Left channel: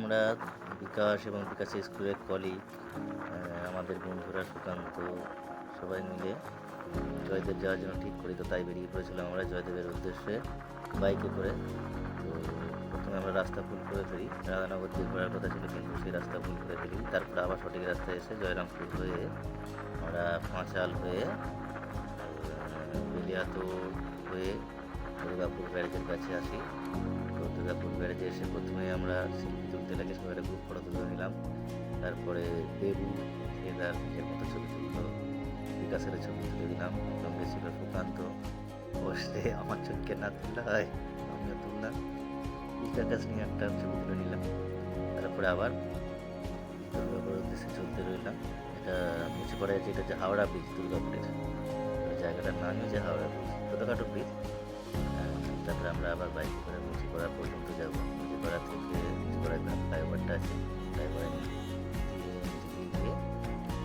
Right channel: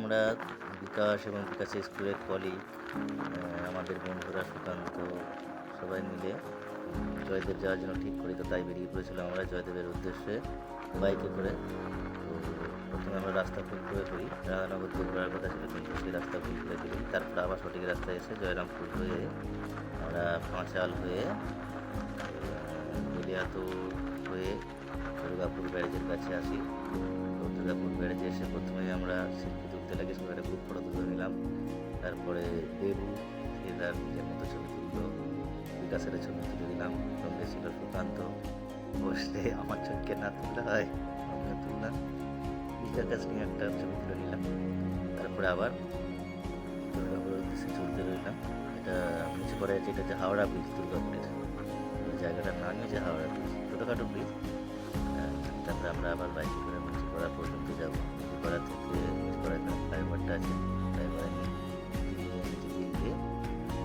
আমরা বিকাশ এবং বিকাশ স্কুলের কলিগ, আমাদের বন্ধুরা সুকান্ত সবাই মিলে জয়দেব যাওয়ার জন্য ঠিক করি। তো তাই বেরিয়ে পড়েছিলাম আমরা জয়দেবের উদ্দেশ্যে বাইকে করে। তো প্রথমে আমরা রাস্তা ভুল করে ফেলি, রাধানগর দিয়ে ঘোরার কথা ছিল কিন্তু সেই রাস্তা ভুল করে ফেলি। তারপর আবার সঠিক রাস্তায় এসে জয়রামপুর হয়ে আমরা পাঁচাল হয়ে বেলিয়াতোড় হয়ে দুর্গাপুর ব্যারেজের কাছে আসি। তো দুর্গাপুর ব্যারেজে এসে প্রথমেই আমরা সেলফি তুলতে লাগে, সবাই একটা গ্রুপ ফটো তুলে নিলাম। তারপরে দেবু সে তার নিজের মতো ছবি তুললো, বিকাশের ছবি তুলে দিলাম, সঙ্গে ছিল সুকান্ত। বসে আমার চোখকে না তুললে হয়, আমিও তুললাম, বিকাশ নিয়ে একটা ছবি তুলে নিলাম। তারপরে আবার দুর্গাপুরের উদ্দেশ্যে চলতে রইলাম। এটা মুছে পড়ে আছে, এটা হচ্ছে হাওড়া ব্রিজ দুর্গাপুরের। জায়গাটার নামই হচ্ছে হাওড়া ব্রিজ, ছোটোখাটো ব্রিজ। তারপরে আমরা আবার বাইকে করে মুচিপাড়া পর্যন্ত যাব। মুচিপাড়া থেকে মুচিপাড়া এখানে ফ্লাইওভারটা আছে, ফ্লাইওভারে দিয়ে নিচে গিয়ে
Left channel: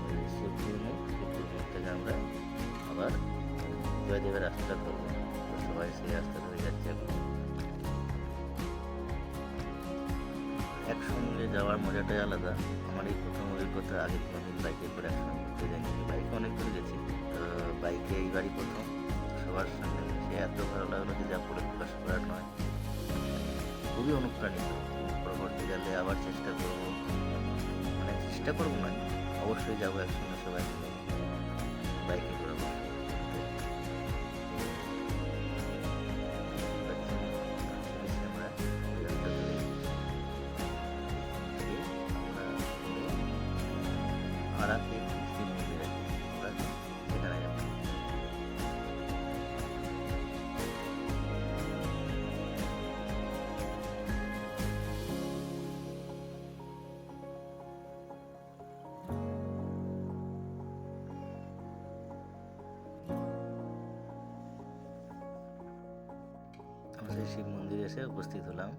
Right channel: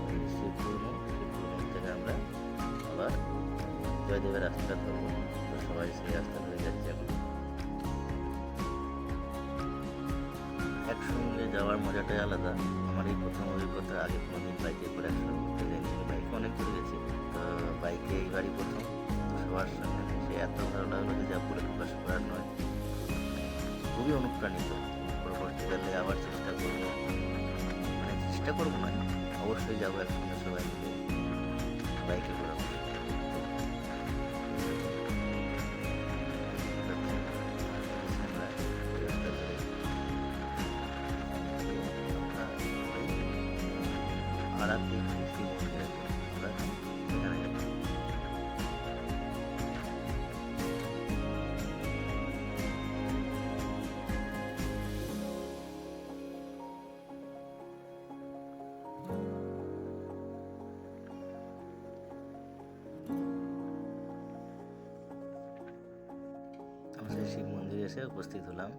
ওই শিবপুর মোড় থেকে আমরা আবার জয়দেবের রাস্তাটা ধরবো। তো সবাই সেই রাস্তা ধরে যাচ্ছে এখন। একসঙ্গে যাওয়ার মজাটাই আলাদা। আমার এই প্রথম অভিজ্ঞতা, আগে কোনোদিন বাইকে করে একসঙ্গে ঘুরতে যাইনি। বাইকে অনেক দূরে গেছি, তো বাইকে এইবারই প্রথম। সবার সঙ্গে মিশে এত ভালো লাগলো যে যা বলে প্রকাশ করার নয়। খুবই অনুপ্রাণিত। পরবর্তীকালে আবার চেষ্টা করব, মানে চেষ্টা করবো নয়, অবশ্যই যাবো একসঙ্গে সবাই মিলে বাইকে ঘোরাবো। আমরা ওই রাস্তা ধরে আমরা আড়াতে কৃষি মন্দির আছে, আমরা সেখানে যাবো। আমরা সেই শিব মন্দিরে এসে উপস্থিত হলাম।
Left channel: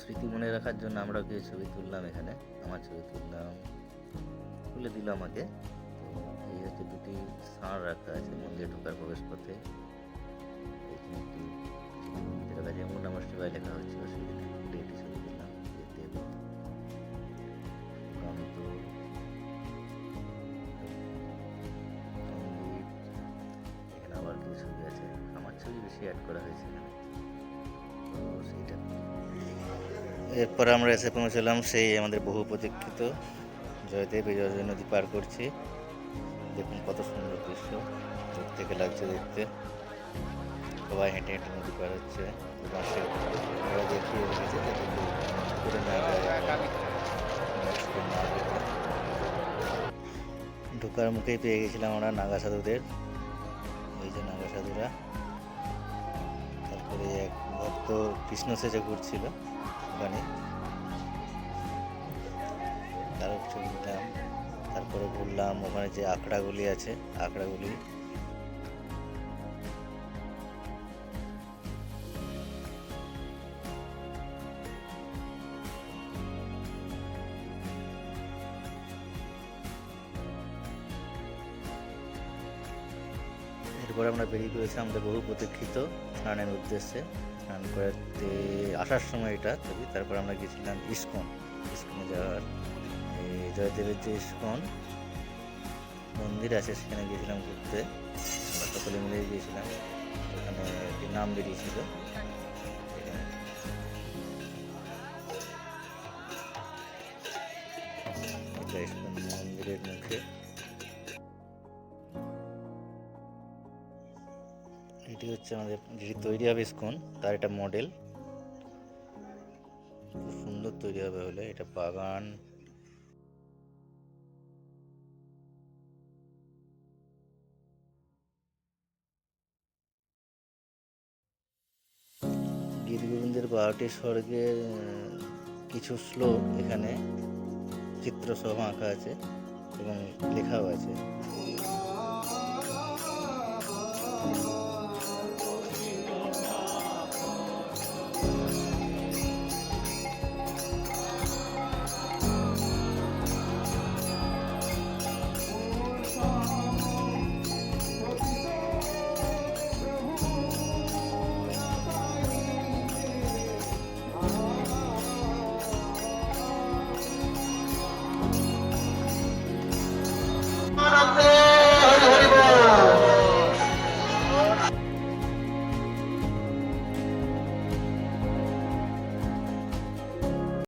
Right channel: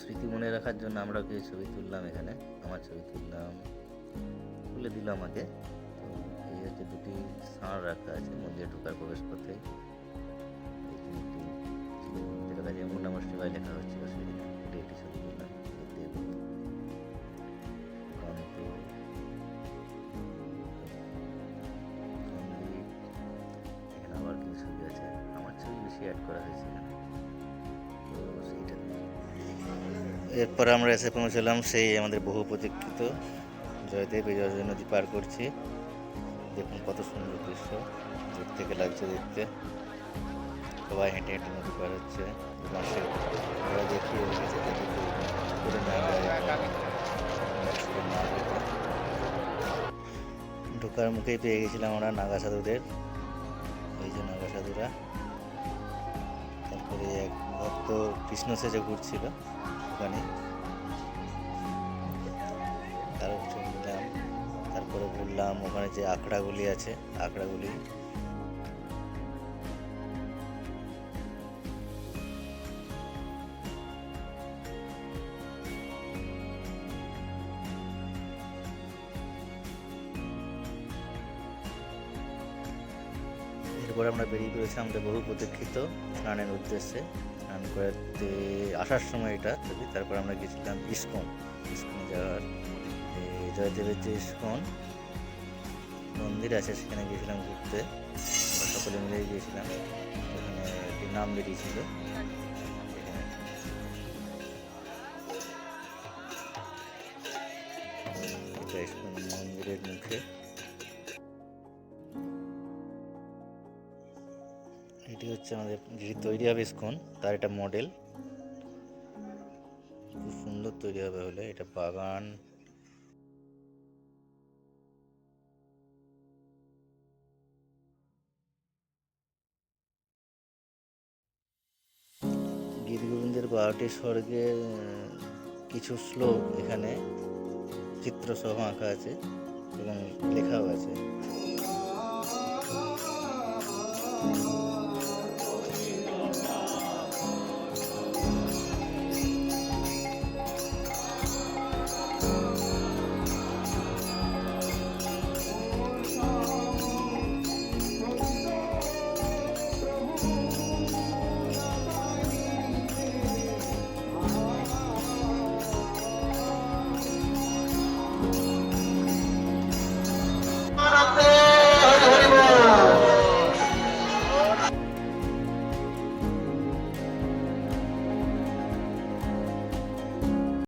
স্মৃতি মনে রাখার জন্য আমরা কিছু ছবি তুললাম এখানে, আমার ছবি তুললাম, তুলে দিল আমাকে। তো এই হচ্ছে দুটি ষাঁড় রাখা আছে মন্দিরে ঢোকার প্রবেশ পথে। এইখানে একটি যেটা কাছে এমন নমঃ শিবায় লেখা হচ্ছে সেদিনে একটি ছবি তুললাম। দেব সুকান্ত সন্দীপ, এখানে আবার কিছু ছবি আছে, আমার ছবি বেশি অ্যাড করা হয়েছে এখানে। তো সেইটা এরপর আমরা এসে পৌঁছলাম সেই আমাদের বহু প্রতীক্ষিত জয়দেব। এই জয় নদী পার করছি, দেখুন কত সুন্দর দৃশ্য, দূর থেকে লাগছে দেখতে। সবাই হেঁটে হেঁটে নদী পার হচ্ছে। দেখিয়ে রেখেছে ঢোকার মুখেই পেয়ে গেছিলাম আমরা নাগা সাধুদের। এই যে নাগা সাধুরা। তারপরে এক ভক্ত কৃষ্ণ সেজে ঘুরছিল ওখানে, তার ছবি নিলাম। তারপরে ঘুরলাম ওখানে যে আখড়াগুলি আছে, আখড়াগুলি। এরপরে আমরা বেরিয়ে পড়েছি আমাদের বহু প্রতীক্ষিত স্নানের উদ্দেশ্যে। স্নান করতে আসার সময় এটা ছবি। তারপর আমরা গেছিলাম ইস্কনে যাওয়ার, জয়দেবের যে ইস্কন মন্দির আছে সেখানে গিয়েছিলাম ঘুরতে। আমরা সকলে মিলে গিয়েছিলাম, ওখানে একটি নাম বেরিয়েছিল এখানে। এটা ইস্কন মন্দিরের মুখে। এটি হচ্ছে আমাদের যেটি তৈরি হবে ইস্কন, তার এটা মডেল, খুব সুন্দর তৈরি হবে হলে। এটা বাগান ঠাকুরের 12টি স্বর্গের কিছু শ্লোক এখানে চিত্রসহ আঁকা আছে এবং লেখাও আছে।